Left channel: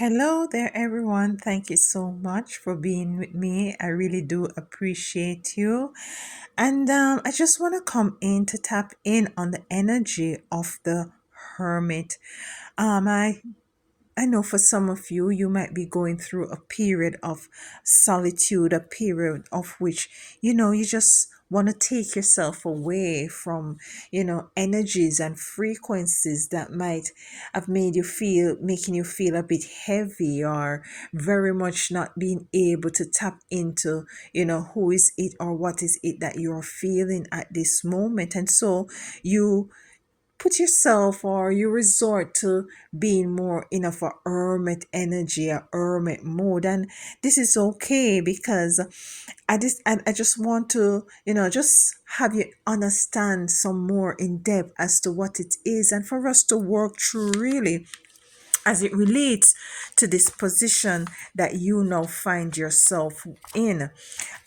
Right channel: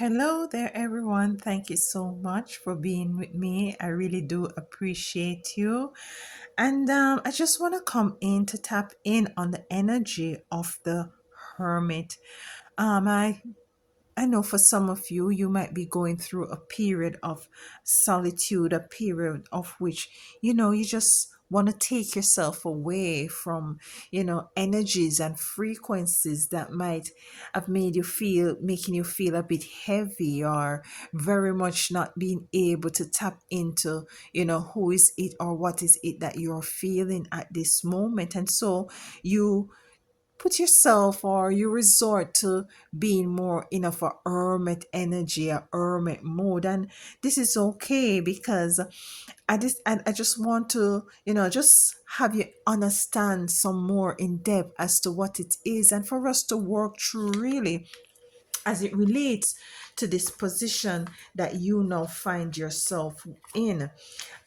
Hello there, everyone. Thank you so much for being with me. I really do appreciate you. And I just want to come in to tap in on the energy of the hermit. I know for some of you, you might be going through a period of solitude, a period of which, you just want to take yourself away from, energies and frequencies that might have making you feel a bit heavy or very much not being able to tap into, who is it or what is it that you're feeling at this moment. And so you put yourself or you resort to being more in of a hermit energy, a hermit mode. And this is okay because I just want to, just have you understand some more in depth as to what it is and for us to work through really as it relates to this position that you now find yourself in.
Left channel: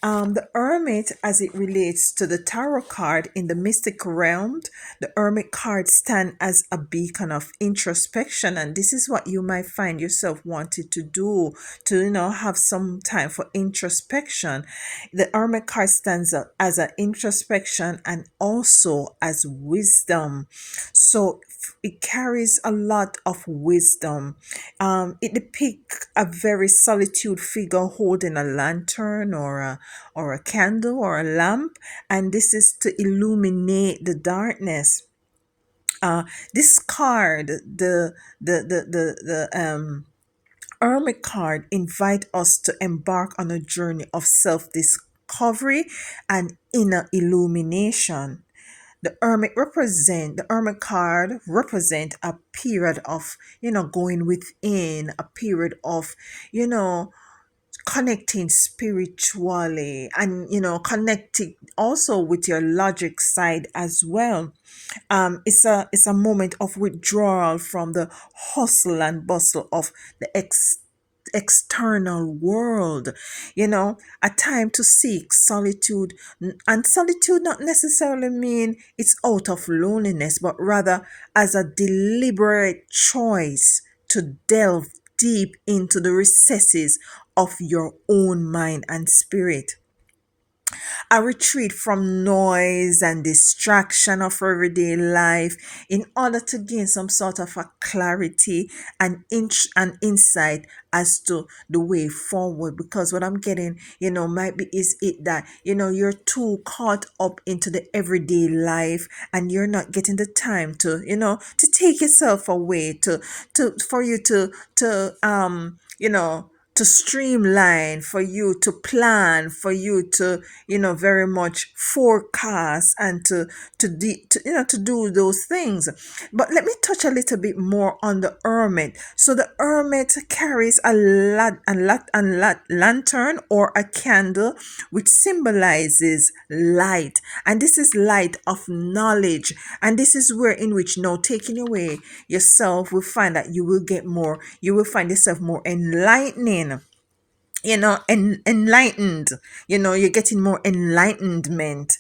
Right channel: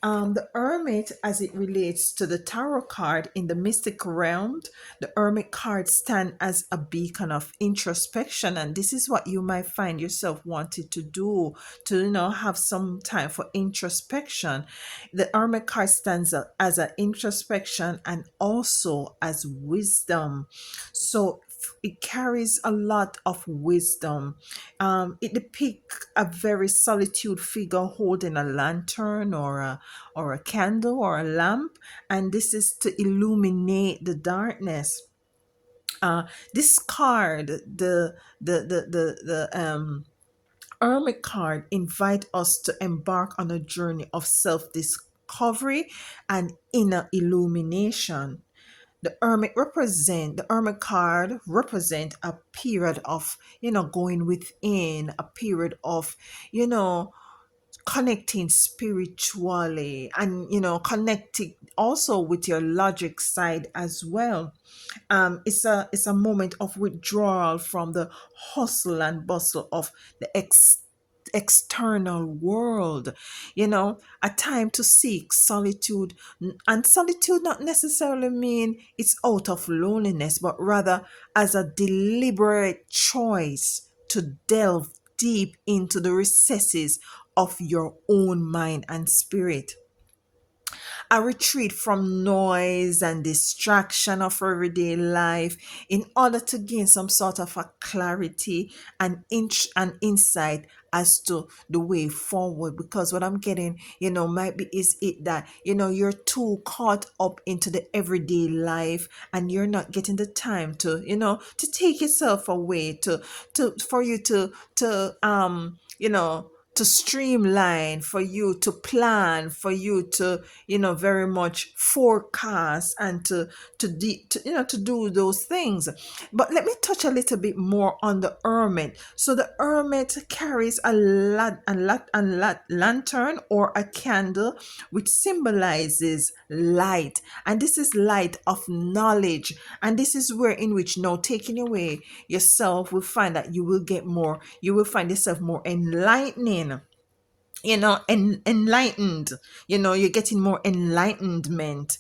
The Hermit, as it relates to the tarot card in the mystic realm, the Hermit card stand as a beacon of introspection, and this is what you might find yourself wanting to do to, have some time for introspection. The Hermit card stands up as an introspection and also as wisdom. So it carries a lot of wisdom. It depicts a very solitude figure holding a lantern or a candle or a lamp, and this is to illuminate the darkness. This card, the Hermit card, invite us to embark on a journey of self-discovery and inner illumination. The hermit card represent a period of going within, a period of you know connecting spiritually, and connecting also with your logic side as well. It's a moment of withdrawal from the hustle and bustle of the external world, a time to seek solitude. And solitude not necessarily mean it's out of loneliness, but rather as a deliberate choice to delve deep into the recesses of your own mind and spirit, a retreat from noise and distraction of everyday life in order to gain some sort of a clarity and insight as to the way forward. Because what I'm getting, might be is it that you're too caught up into the everyday life and you're not getting the time to to take yourself away, to for you to streamline, for you to plan, for you to very much forecast and to do those things. But let me touch a little bit more on the hermit. So the hermit carries a lantern or a candle, which symbolizes light, and this is light of knowledge. And this is where in which now taking away yourself will find that you will find yourself more enlightening, enlightened. You're getting more enlightenment,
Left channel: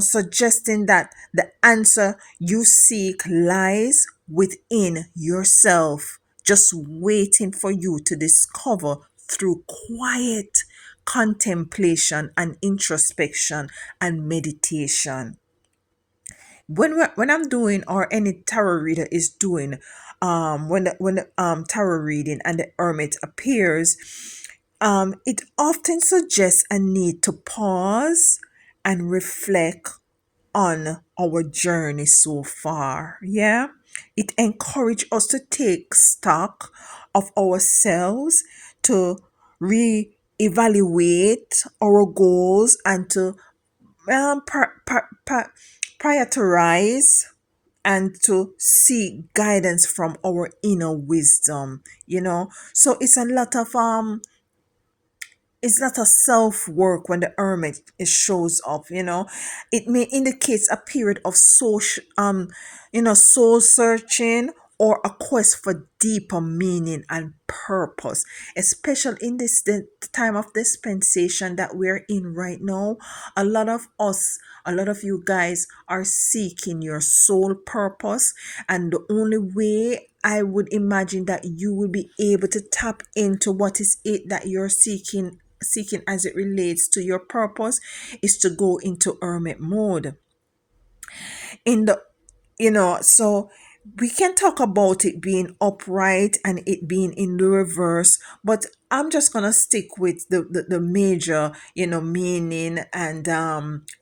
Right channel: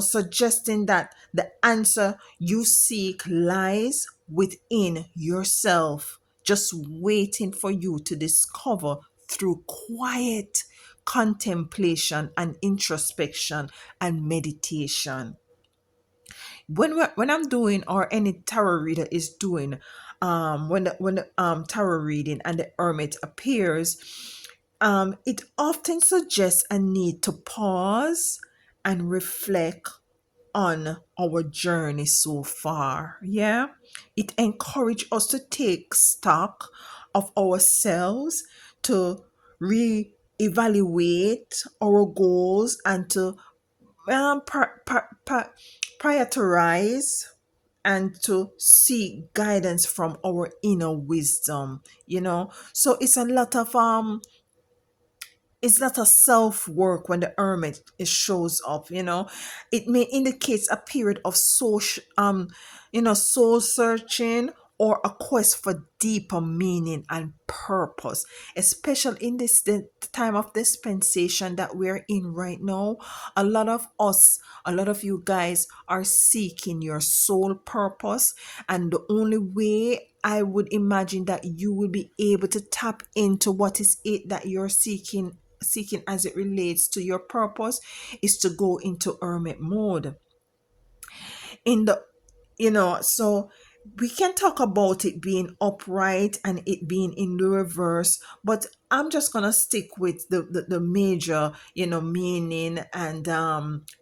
suggesting that the answer you seek lies within yourself, just waiting for you to discover through quiet contemplation and introspection and meditation. When I'm doing, or any tarot reader is doing, when the tarot reading and the hermit appears, it often suggests a need to pause and reflect on our journey so far. Yeah, it encourages us to take stock of ourselves, to re-evaluate our goals, and to prioritize and to seek guidance from our inner wisdom. So it's not a self work when the hermit it shows up. It may indicate a period of soul searching or a quest for deeper meaning and purpose, especially in this the time of dispensation that we're in right now. A lot of us, a lot of you guys are seeking your soul purpose, and the only way I would imagine that you will be able to tap into what is it that you're seeking as it relates to your purpose is to go into hermit mode. In the so we can talk about it being upright and it being in the reverse, but I'm just gonna stick with the major meaning and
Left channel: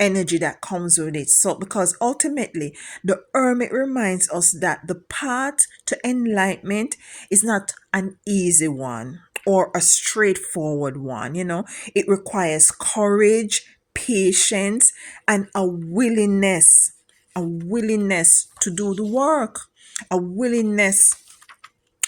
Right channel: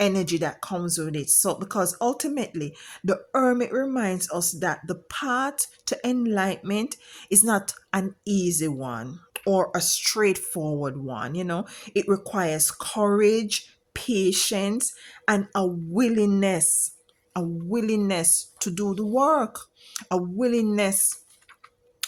energy that comes with it. So because ultimately the hermit reminds us that the path to enlightenment is not an easy one or a straightforward one. It requires courage, patience, and a willingness to do the work, a willingness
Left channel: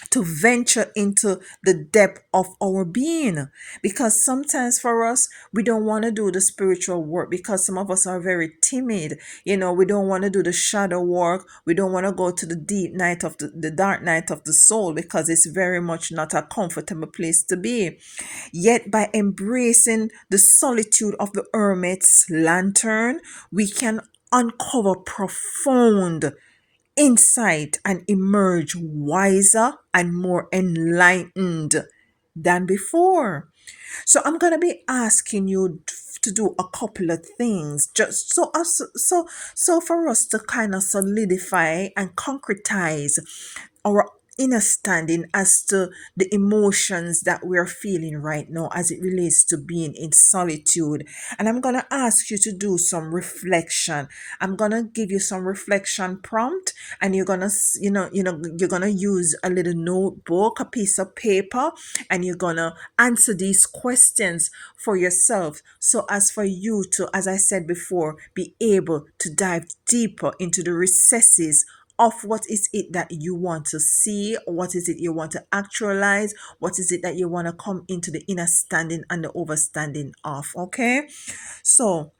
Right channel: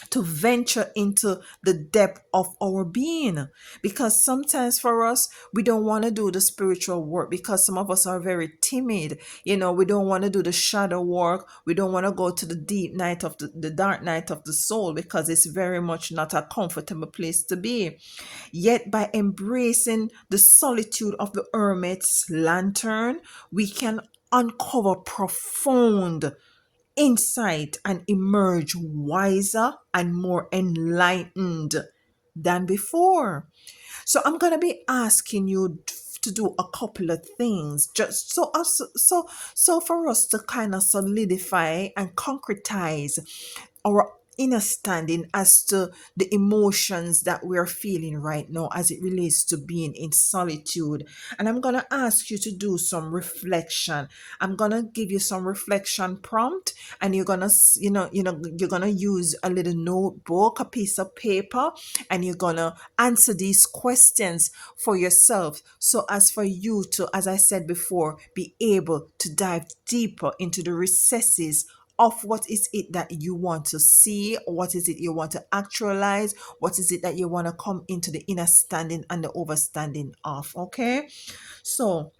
to venture into the depth of our being. Because sometimes for us, we don't want to do the spiritual work because some of us are very timid. We don't want to do the shadow work. We don't want to go to the deep night of the dark night of the soul because it's very much not a comfortable place to be. Yet, by embracing the solitude of the hermit's lantern, we can uncover profound insight and emerge wiser and more enlightened than before. So I'm gonna be asking you to do a couple of things, just so for us to kind of solidify and concretize our inner standing as to the emotions that we're feeling right now as it relates to being in solitude. And I'm gonna ask you to do some reflection. I'm gonna give you some reflection prompt, and you're gonna you're gonna use a little notebook, a piece of paper, and you're gonna answer these questions for yourself, so as for you to, as I said before, be able to dive deeper into the recesses of what is it that you want to see, what is it you want to actualize, what is it that you want to come into the inner standing and the overstanding of. Okay, so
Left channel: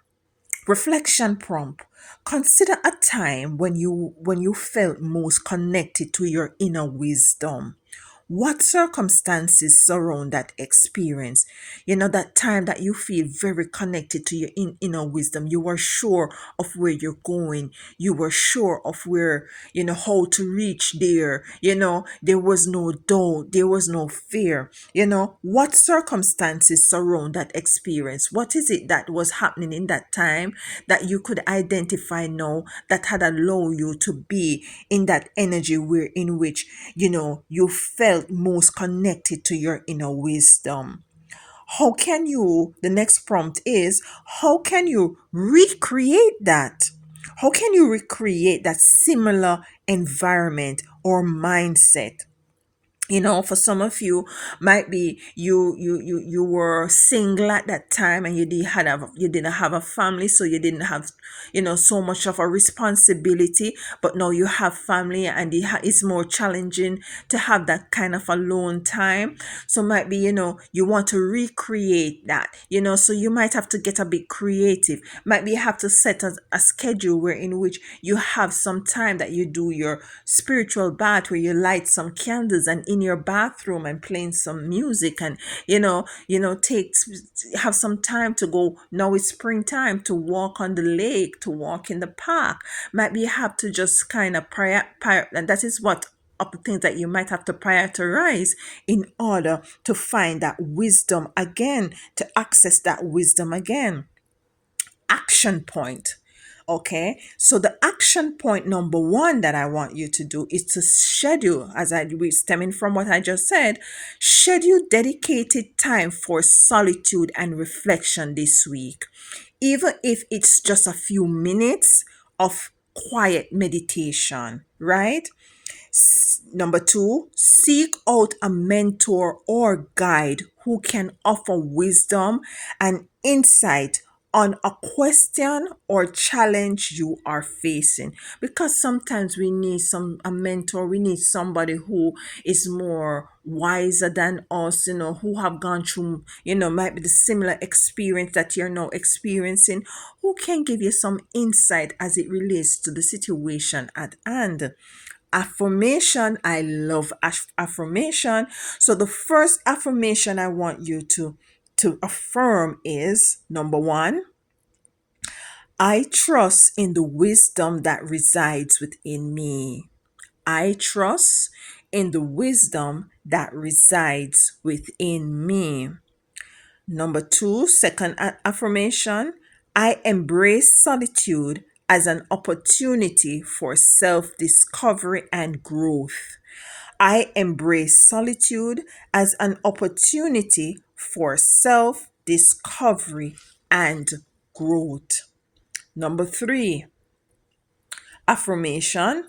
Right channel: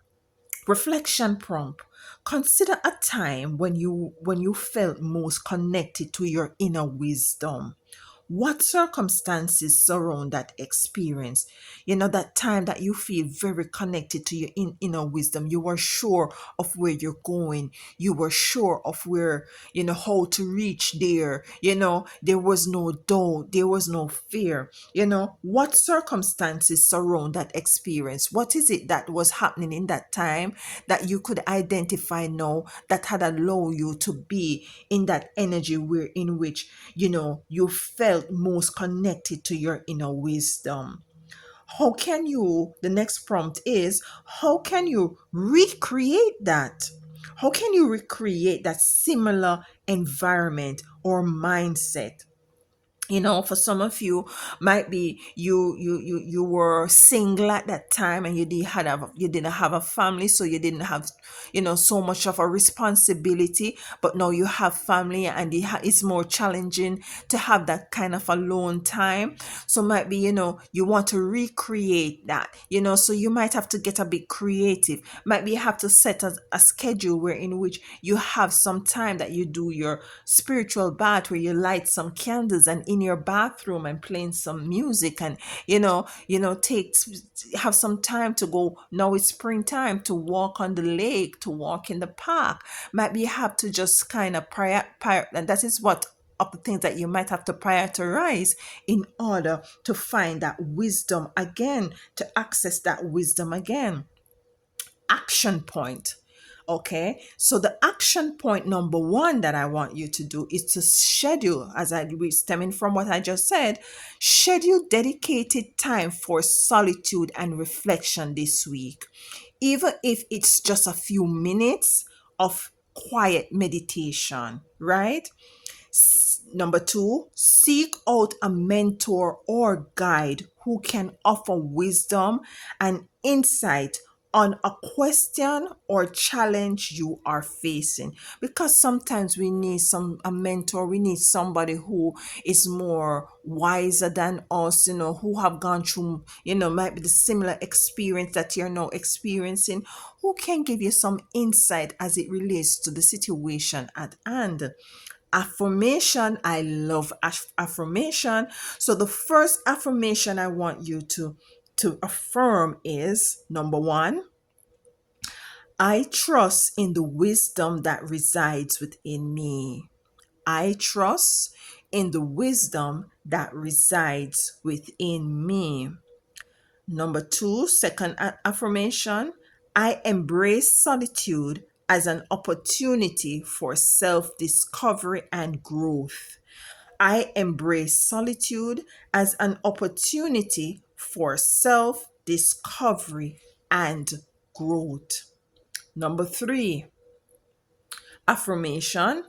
reflection prompt: consider a time when you felt most connected to your inner wisdom. What circumstances surround that experience? That time that you feel very connected to your inner wisdom. You were sure of where you're going. You were sure of where, how to reach there. There was no doubt. There was no fear. What circumstances surround that experience? What is it that was happening in that time that you could identify now that had allowed you to be in that energy where in which you felt most connected to your inner wisdom? The next prompt is, how can you recreate that? How can you recreate that similar environment or mindset? For some of you, might be you were single at that time, and you didn't have a family, so you didn't have so much of a responsibility. But now you have family, and it's more challenging to have that kind of alone time. So might be you want to recreate that. So you might have to get a bit creative. Might be you have to set a schedule where in which you have some time that you do your spiritual bath, where you light some candles and in your bathroom and playing some music, and take have some time to go. Now it's springtime, to walk on the lake, to walk in the park. Might be you have to just kind of and that is what of the things that you might have to prioritize in order to find that wisdom again, to access that wisdom again. Action point. Okay, so the action point number one that I want you to do is to schedule, as I stemming from what I just said, schedule dedicated time for solitude and reflection this week. Even if it's just a few minutes of quiet meditation, right? Number two, seek out a mentor or guide who can offer wisdom and insight on a question or challenge you are facing, because sometimes we need a mentor. We need somebody who is more wiser than us, who have gone through, might be the similar experience that you're now experiencing, who can give you some insight as it relates to the situation at hand. Affirmation. I love affirmation. So the first affirmation I want you to affirm is number one, I trust in the wisdom that resides within me. I trust in the wisdom that resides within me. Number two, second affirmation, I embrace solitude as an opportunity for self discovery and growth. I embrace solitude as an opportunity for self discovery and growth. Number three, affirmation,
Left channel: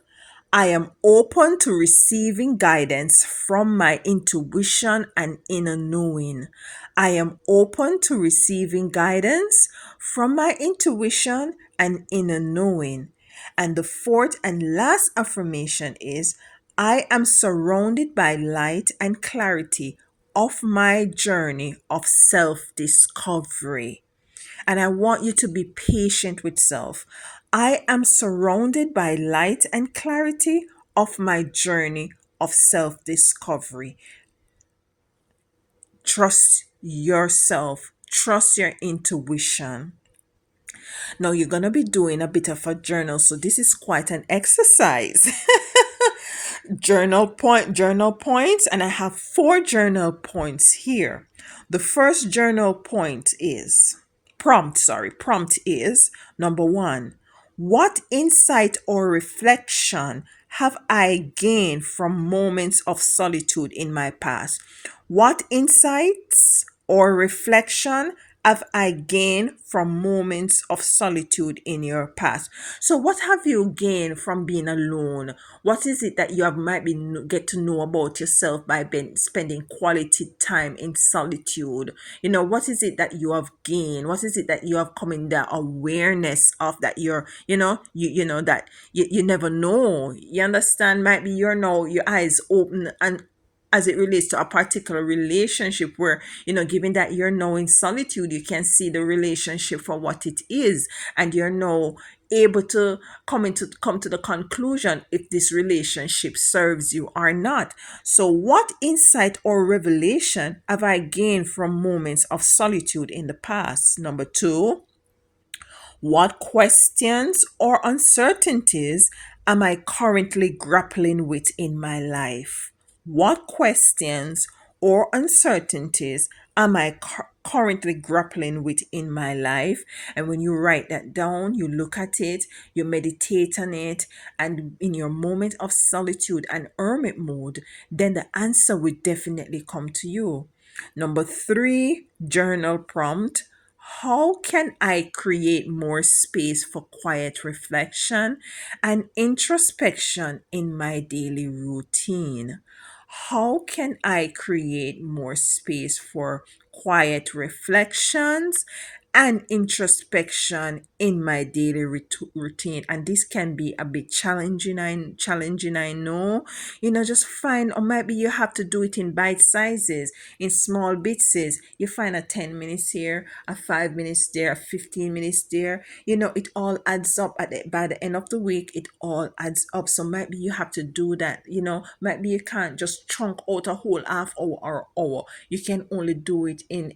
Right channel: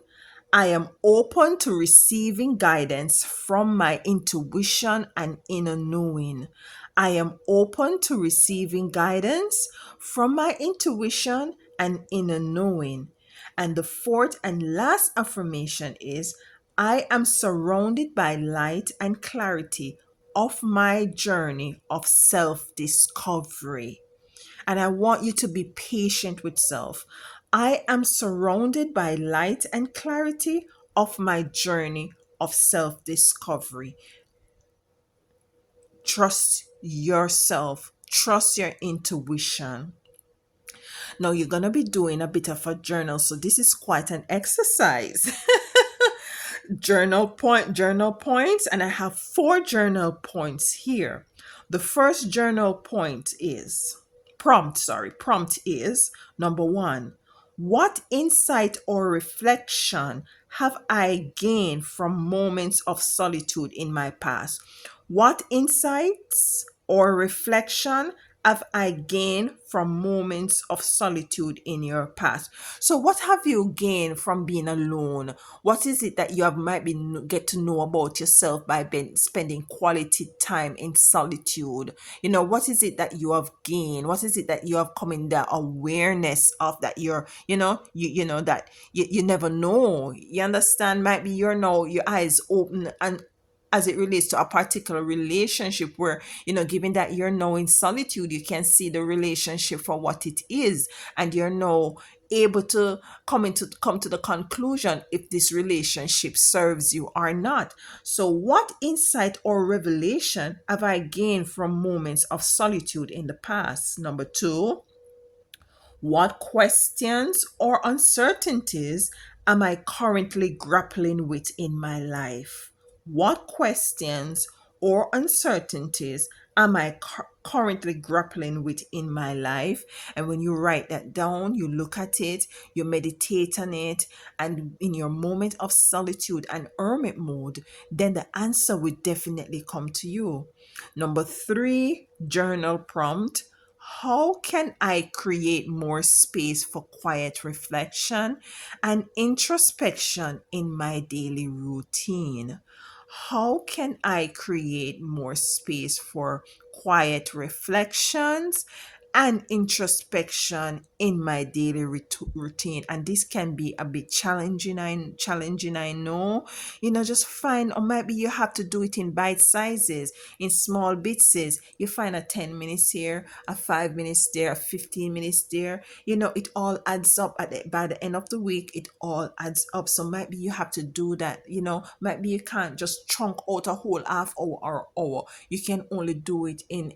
I am open to receiving guidance from my intuition and inner knowing. I am open to receiving guidance from my intuition and inner knowing. And the fourth and last affirmation is I am surrounded by light and clarity of my journey of self discovery. And I want you to be patient with self. I am surrounded by light and clarity of my journey of self discovery. Trust yourself, trust your intuition. Now, you're going to be doing a bit of a journal, so this is quite an exercise. Journal points, and I have four journal points here. The first journal point is prompt is number one, what insight or reflection have I gained from moments of solitude in my past? What insights or reflection have I gained from moments of solitude in your past? So, what have you gained from being alone? What is it that you have might be get to know about yourself by spending quality time in solitude? What is it that you have gained? What is it that you have come in the awareness of that you're, that you never know. You understand? Might be you're now your eyes open and as it relates to a particular relationship where given that you're now in solitude, you can see the relationship for what it is, and you're now able to come to the conclusion if this relationship serves you or not. So what insight or revelation have I gained from moments of solitude in the past? Number two, what questions or uncertainties am I currently grappling with in my life? What questions or uncertainties am I currently grappling with in my life? And when you write that down, you look at it, you meditate on it, and in your moment of solitude and hermit mode, then the answer will definitely come to you. Number three, journal prompt. How can I create more space for quiet reflection and introspection in my daily routine? How can I create more space for quiet reflections and introspection in my daily routine? And this can be a bit challenging, I know. Just find, or maybe you have to do it in bite sizes, in small bits. You find a 10 minutes here, a 5 minutes there, a 15 minutes there. It all adds up by the end of the week. It all adds up. So maybe you have to do that. Maybe you can't just chunk out a whole half hour or hour. You can only do it in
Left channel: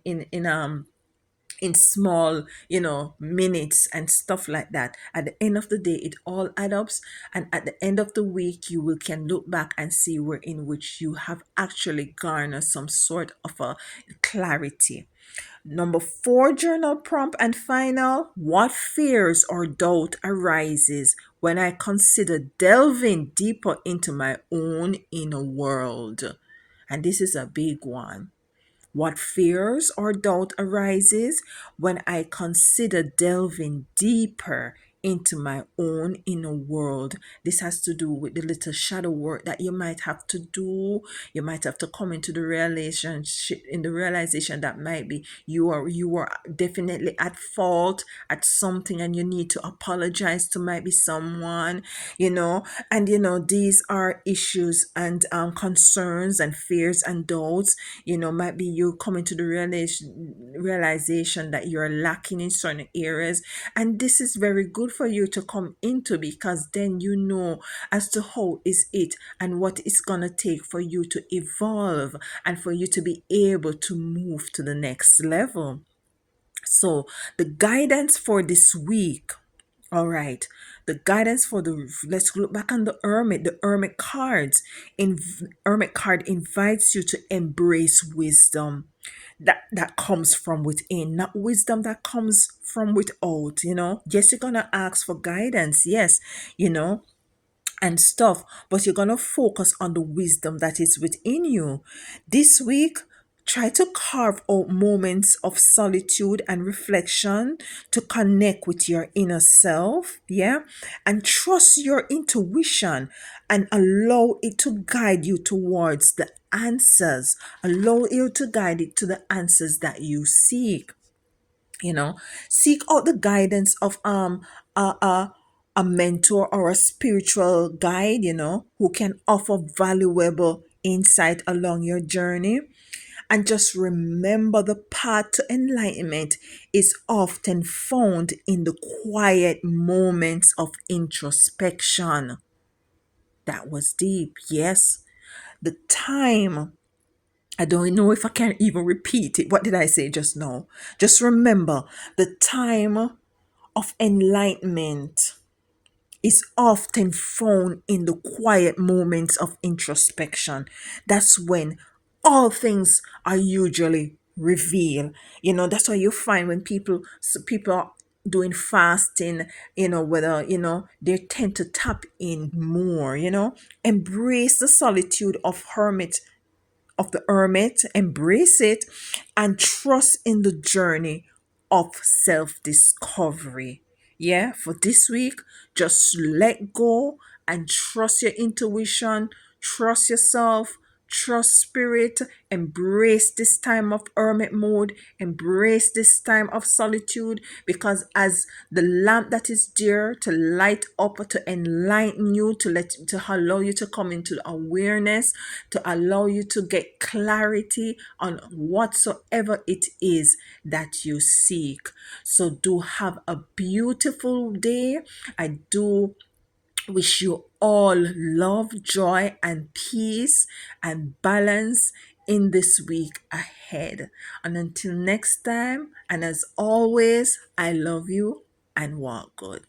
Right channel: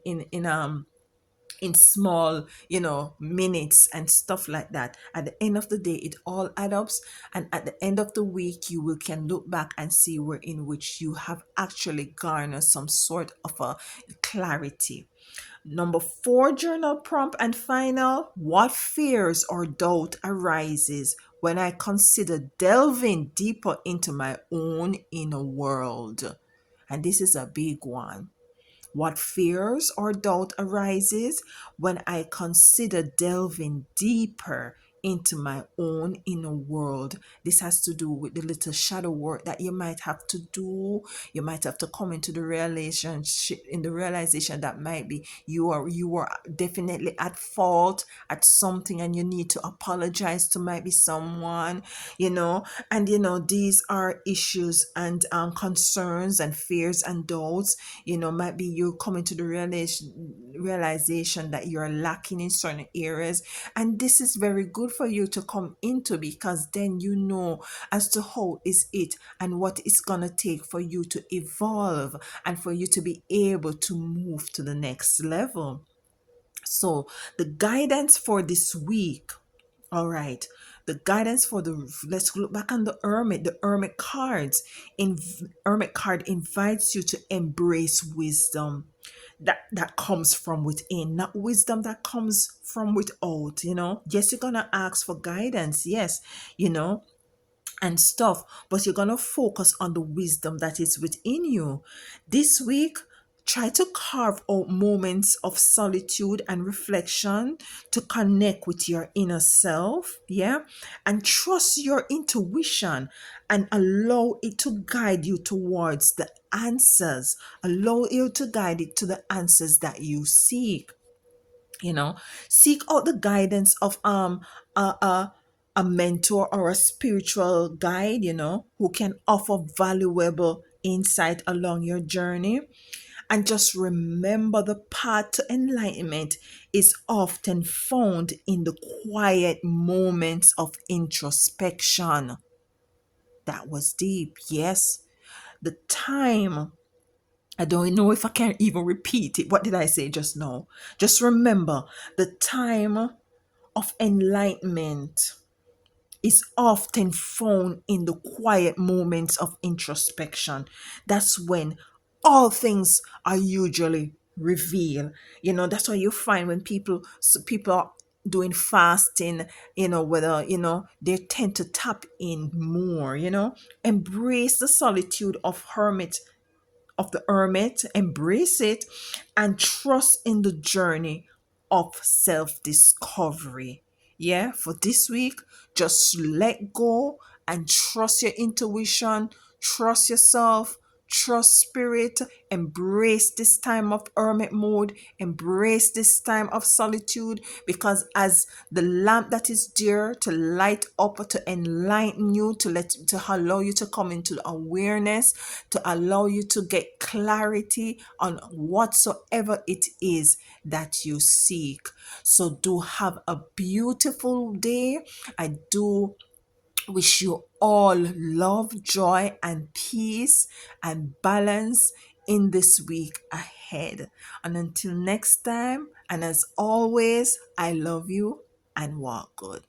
small, minutes and stuff like that. At the end of the day, it all adds up, and at the end of the week, you will can look back and see where in which you have actually garnered some sort of a clarity. Number four, journal prompt and final. What fears or doubt arises when I consider delving deeper into my own inner world? And this is a big one. What fears or doubt arises when I consider delving deeper into my own inner world? This has to do with the little shadow work that you might have to do. You might have to come into the realization that maybe you are definitely at fault at something, and you need to apologize to maybe someone, and these are issues and concerns and fears and doubts. Might be you coming to the realization that you're lacking in certain areas, and this is very good good for you to come into, because then you know as to how is it and what it's gonna take for you to evolve and for you to be able to move to the next level. So the guidance for this week, all right. The guidance for the, let's look back on the Hermit. The Hermit cards. In Hermit card invites you to embrace wisdom that comes from within, not wisdom that comes from without. Yes, you're gonna ask for guidance. Yes, you know, and stuff, but you're going to focus on the wisdom that is within you. This week, try to carve out moments of solitude and reflection to connect with your inner self, yeah? And trust your intuition and allow it to guide you towards the answers. Allow you to guide it to the answers that you seek. you know Seek out the guidance of a, a, a mentor or a spiritual guide, who can offer valuable insight along your journey. And just remember, the path to enlightenment is often found in the quiet moments of introspection. That was deep. Yes, the time, I don't know if I can even repeat it. What did I say just now? Just remember, the time of enlightenment is often found in the quiet moments of introspection. That's when all things are usually revealed. That's why you find when people are doing fasting, whether, they tend to tap in more, embrace the solitude of the hermit, embrace it, and trust in the journey of self discovery. Yeah, for this week, just let go and trust your intuition, trust yourself, trust spirit, embrace this time of hermit mode, embrace this time of solitude, because as the lamp that is there to light up, to enlighten you, to allow you to come into awareness, to allow you to get clarity on whatsoever it is that you seek. So do have a beautiful day. I do wish you all love, joy, and peace and balance in this week ahead. And until next time, and as always, I love you and walk good.